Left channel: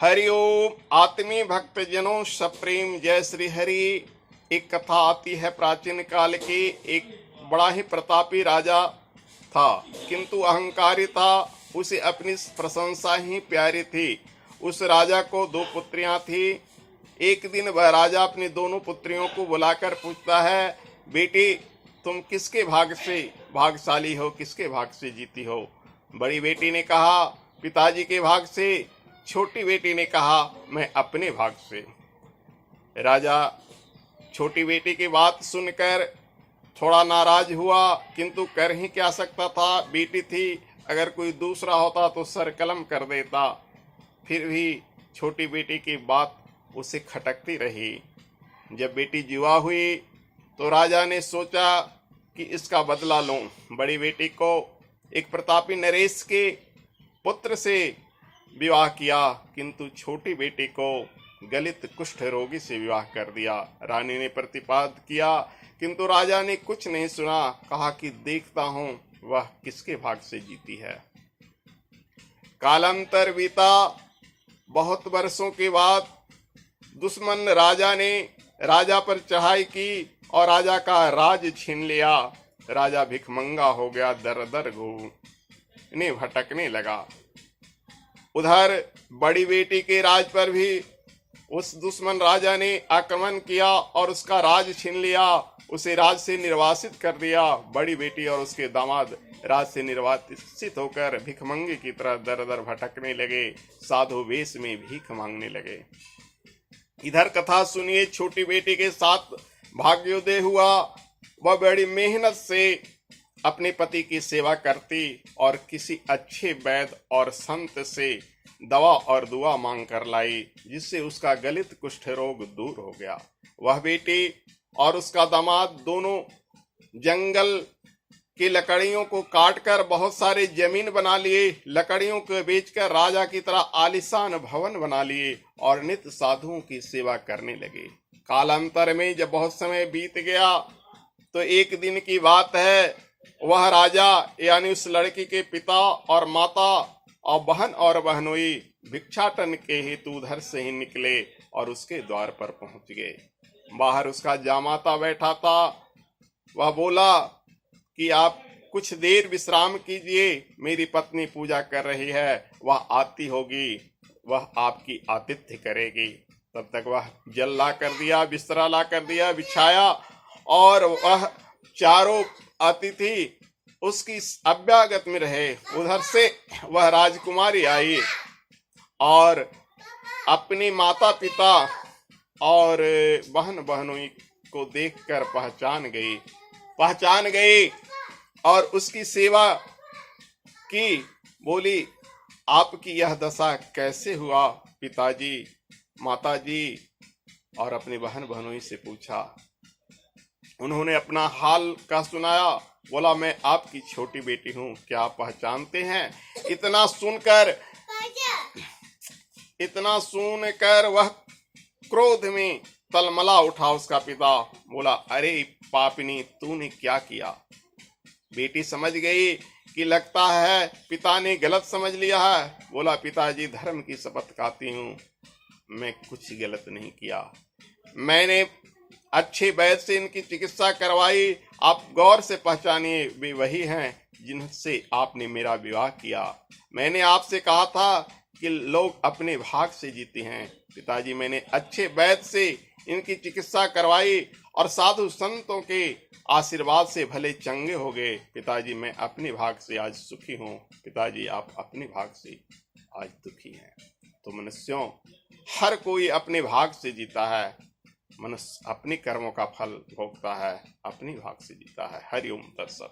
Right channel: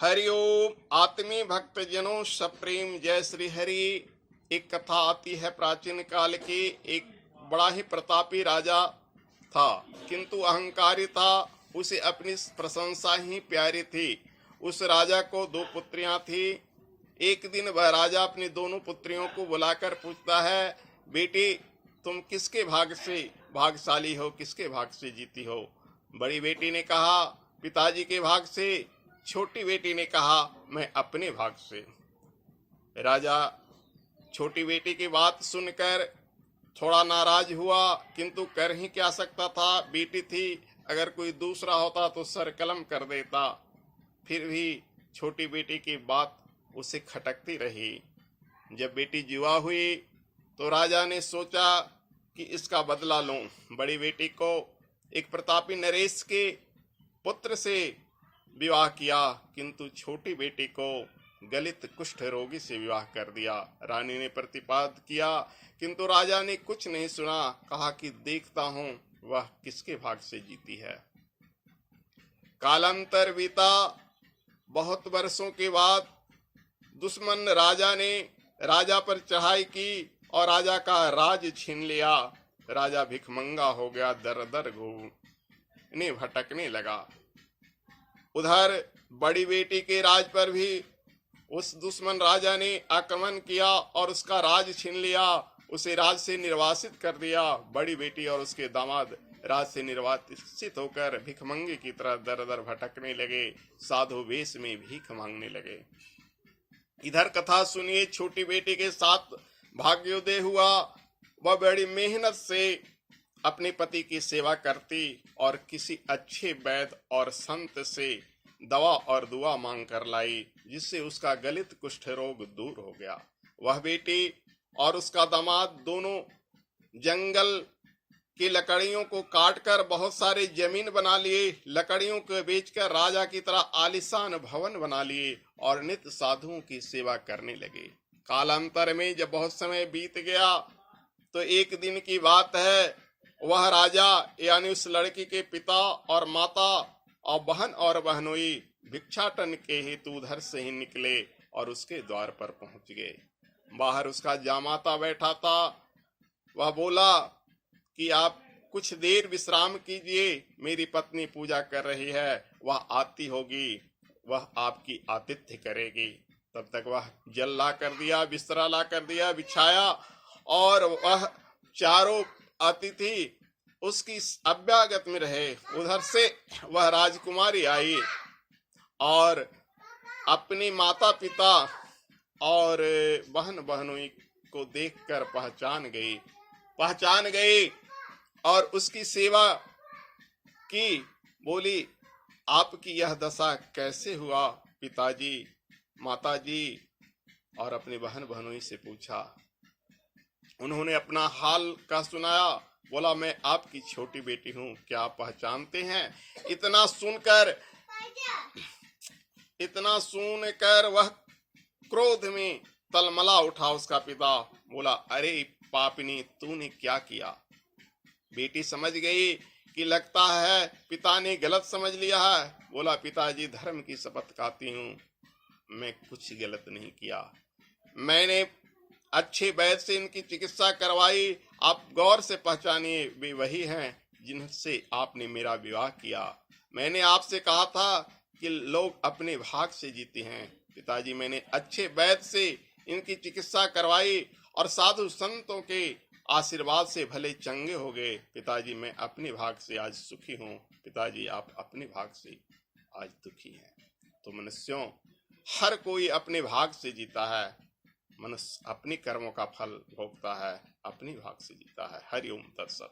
हरिओम। आत्मी भक्त जनों सप्रेम जय श्री हरि। एक कथा आती है प्राचीन काल की। एक बड़ा ही प्रतापी राजा था, किंतु अहंकारी था। उसे अपनी प्रशंसा ही प्यारी थी। उस राजा को दो पुत्रियां थी। एक दिन वह राजा अपनी दोनों पुत्रियों को बुलाकर पूछता है, बेटी तुम किसके भाग से भागशाली हो, किसके भाग से जीती हो? बड़ी बेटी ने कहा पिताजी के भाग से। छोटी बेटी ने कहा मैं अपने भाग से। राजा छोटी बेटी की बात सुनकर थोड़ा नाराज हुआ, किंतु कर ही क्या सकता था, बेटी थी। अगर कोई दूसरा होता तो सर कलम कर देता। फिर भी छोटी बेटी की बात उसे खटकती रही। जब बेटी जुआ हुई तो राजा ने सोचा कि इसका बदला लूं। बड़ी बेटी को एक प्रतापी नरेश के पुत्र से विवाह किया, किंतु छोटी बेटी को गलित कुष्ठ रोगी से विवाह कर दिया। रानी ने प्रतिपाद किया, किंतु राजा ने कुछ नहीं सुना। कहा कि देखता हूं वह किसके भाग से जीती है। कालांतर बीता। बहुत वर्षों के बाद दुश्मन राजा ने राजा पर चढ़ाई की और राजा का राज छीन लिया। राजा भिखमंगा हो गया, दर दर घूमने भटकने लगा। उधर बड़ी बेटी के राज पर भी उस दुश्मन राजा ने आक्रमण किया और उसका राज छीन लिया। उसे राज से निर्वासित कर दिया। बड़ी बेटी और उसके दामाद राज से निर्वासित होकर भिखमंगे की तरह दर दर भटकने लगे, साधु वेश में भीख मांगने लगे। इधर कथा सुनिए, छोटी बेटी के साथ भाग्योदय हुआ। वह बड़ी मेहनत से अपने पति की सेवा करती और किसी अच्छे वैद्य और संत से दवा और दुआ मांग कर लाई, जिससे उसका गलित कुष्ठ रोग दूर हो गया। वह बेटी और उसका दामाद दोनों जंगल की लकड़ियों को काटकर बहुत सारे जमीन बना लिए। लकड़ियों को बेचकर राजा की तरह आलीशान भवन बना लिए और नित्य साधुओं की सेवा करने लगे। कालांतर में जब बहुत समय बीत गया तो एक दिन की बात है, वह राजा यानी उस लड़की के पिता और माता और बहन और बहनोई भिक्षाटन के हेतु उधर से ही निकले और उसके द्वार पर पहुंच गए। बाहर उसका जामाता बैठा था। वह बोला कि आप कुछ देर विश्राम कीजिए, मेरी पत्नी पूजा कर रही है, वह आती होगी, वह आपकी आतिथ्य करेगी। तब तक वह जल ला कर दिया, बिस्तरा ला कर दिया, बिछाया और वह चारों अतिथि उसकी अभ्यागत में रहे। उधर से वह राजकुमारी आई और अपनी माता पिता और बहन बहनों को देखकर पहचान गई और उसकी सेवा की। बोली आपकी यह दशा कैसे हुआ पिताजी, माताजी? और अपनी बहन बहनों से पूछा। उन्होंने अपना हाल का सुनाया। बोला मैं आपकी छोटी बेटी हूँ, क्या आप पहचानते हैं? इतना सुनकर वह क्रोध में तलमला उठा। उसका पिता बोला अरे पापिनी, तूने क्या किया? बेटी समझ गई कि लगता है पिता ने गलत समझ लिया है। बोला पिताजी धर्म की शपथ खाती हूँ, मैं कुछ गलत नहीं किया। मैंने अच्छे वैद्य से इनकी चिकित्सा करवाई। आप गौर से पहचानिए, वे वही हैं जिनसे आपने मेरा विवाह किया। मैंने आपसे कहा था कि लोग अपने भाग से जीते हैं। पिताजी मैंने अच्छे वैद्य से इनकी चिकित्सा करवाई और साधु संतों के आशीर्वाद से भले चंगे हो गए। पिताजी मैं अपने भाग से आज सुखी हूँ। पिताजी आप अपने भाग से आज दुखी हैं। तो मनुष्यों, हर कोई अपने भाग से जीता है। मनुष्य अपने कर्मों का फल भोगता है, अपनी भाग से जीता है। हरिओम दर्शक।